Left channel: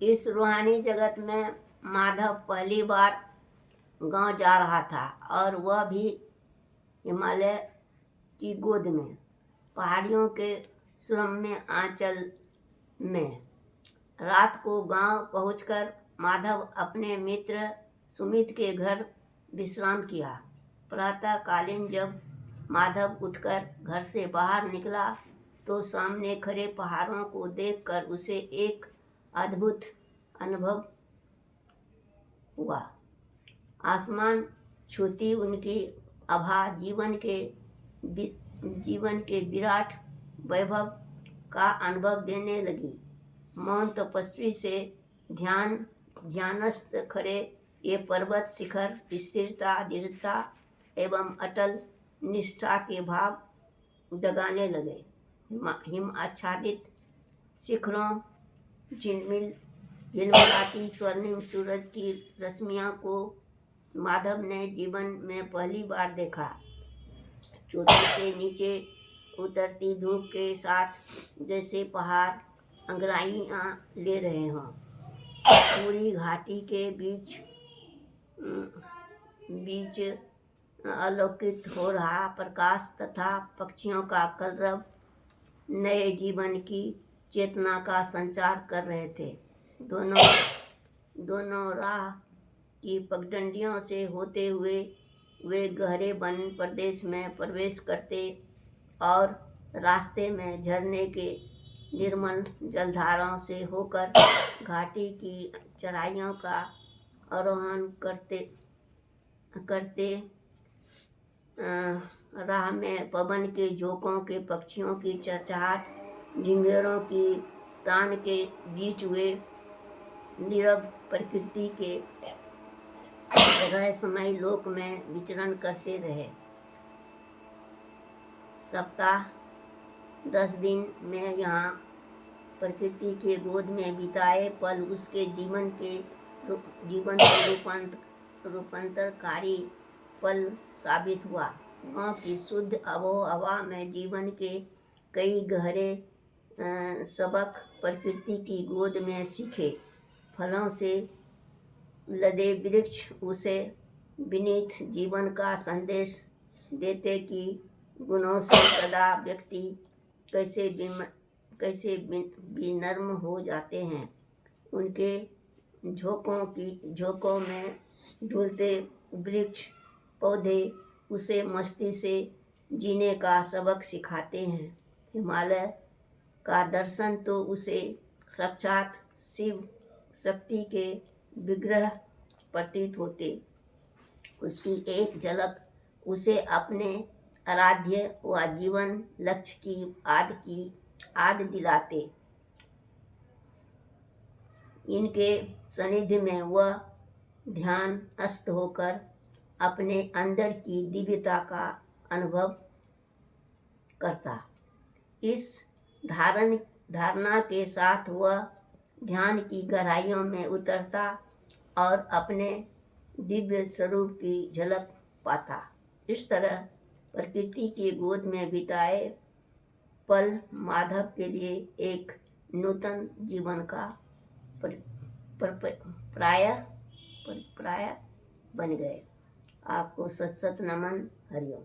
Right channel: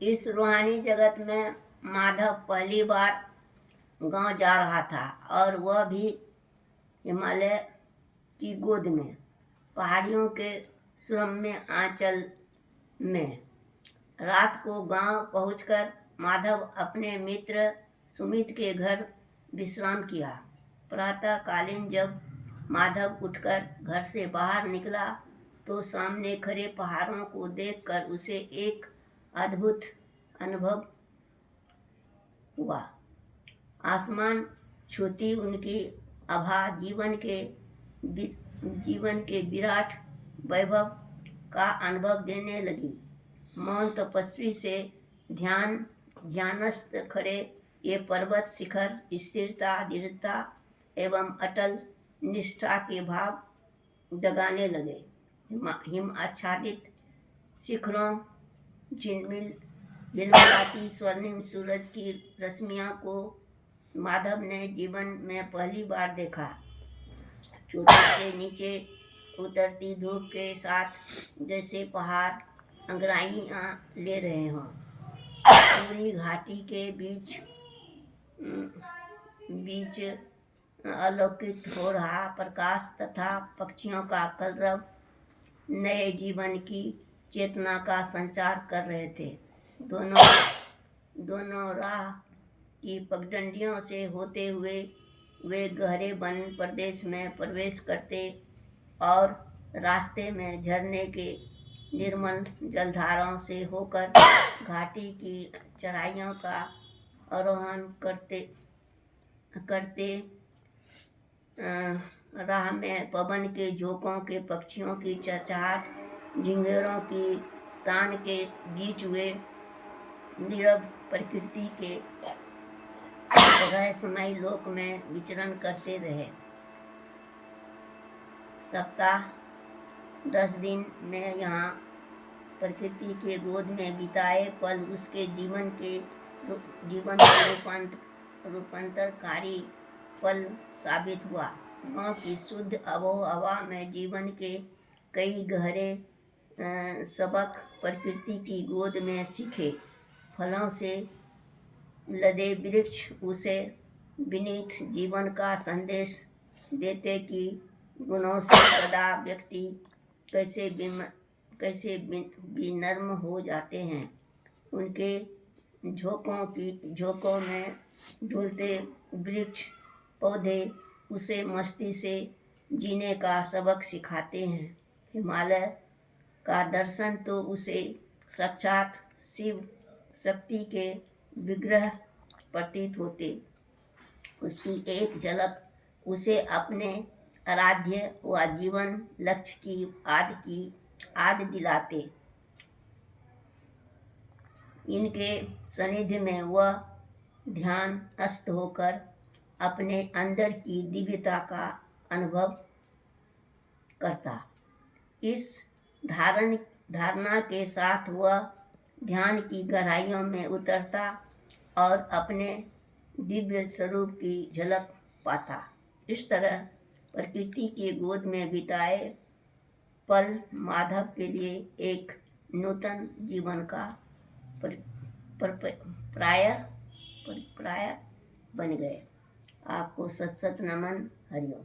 इस रूहानी जगत में माधव पहली बार गांव जा रहा था, और वह भी हिमालय की गोद में, पहाड़ियों के सुरम्य आंचल में। रात को गांव पहुंचकर माधव अपने मित्र सुमित के घर विश्राम किया। प्रातःकालीन जब माधव उठकर घर से बाहर निकला तो सामने खड़े पहाड़ों को देखकर उसे एक अद्भुत अनुभव हुआ। आसमान छूती उनकी आभा जीवन के विराट वैभव का अनुभव देने लगी। मौन तपस्वी से ध्यानस्थ खड़े ये पर्वत शिखर स्थिरता, दृढ़ता एवं अटल निष्ठा के भाव जगाने लगे। हिम आच्छादित शिखरों, झिलमिलाती स्वर्णिम सूरज की रश्मियों को माधव ने जीवन में पहली बार देखा। चोटी से नीचे उतरती धूप के साथ जैसे पहाड़ अंगड़ाइयाँ ले रहे हों। पूरी घाटी के बीच अलौकिक हो रहा प्रकाश तथा पक्षियों का कलरव नए जीवन की चेतना का संचार कर रहे थे। दोनों राह की पगडंडियों से होते हुए वे गहरे वन प्रदेश में प्रवेश करते और रास्ते में झरने के निर्मल जलधाराओं से होकर घाटी की चढ़ाइयों का आरोहण करते राह में पवन के झोंकों के, पक्षियों की चहचहाट, झिंगुरों की तान के बीच वे नीरव प्रकृति के रहस्यमय लोक में विचरण करते रहे। सप्ताह 10 दिन में यहाँ प्रकृति के गोद में बिताए पल उसके जीवन के रूपांतरकारी फल साबित हुआ। गाँव की शुद्ध आबोहवा में जीवन के कई गहरे सबक प्रकृति की गोद में सीखे। फलों से लदे वृक्ष उसे विनीत जीवन का संदेश देते कि गुणों से सदा व्यक्ति कैसे विनम्र हो जाते हैं। उनके झोंकों में झूलते वृक्ष पौधे उसे मस्ती से जीने का सबक सिखाते हैं। हिमालय का दर्शन तो उसे साक्षात शिव शक्ति के विग्रह प्रतीत होते। उसकी एक झलक उसे अपने आराध्य व जीवन लक्ष्य की याद दिलाते। इनके सानिध्य में वह ध्यानस्थ होकर अपने अंदर की दिव्यता का अनुभव करता। इस धारणा के साथ वह ध्यान की गहराइयों में उतरता और अपने दिव्य स्वरूप की झलक पाता। इस तरह प्रकृति की गोद में बिताए पल माधव के लिए एक नूतन जीवन का पर्याय बन गए। आपको सत सत नमन। हरिओम।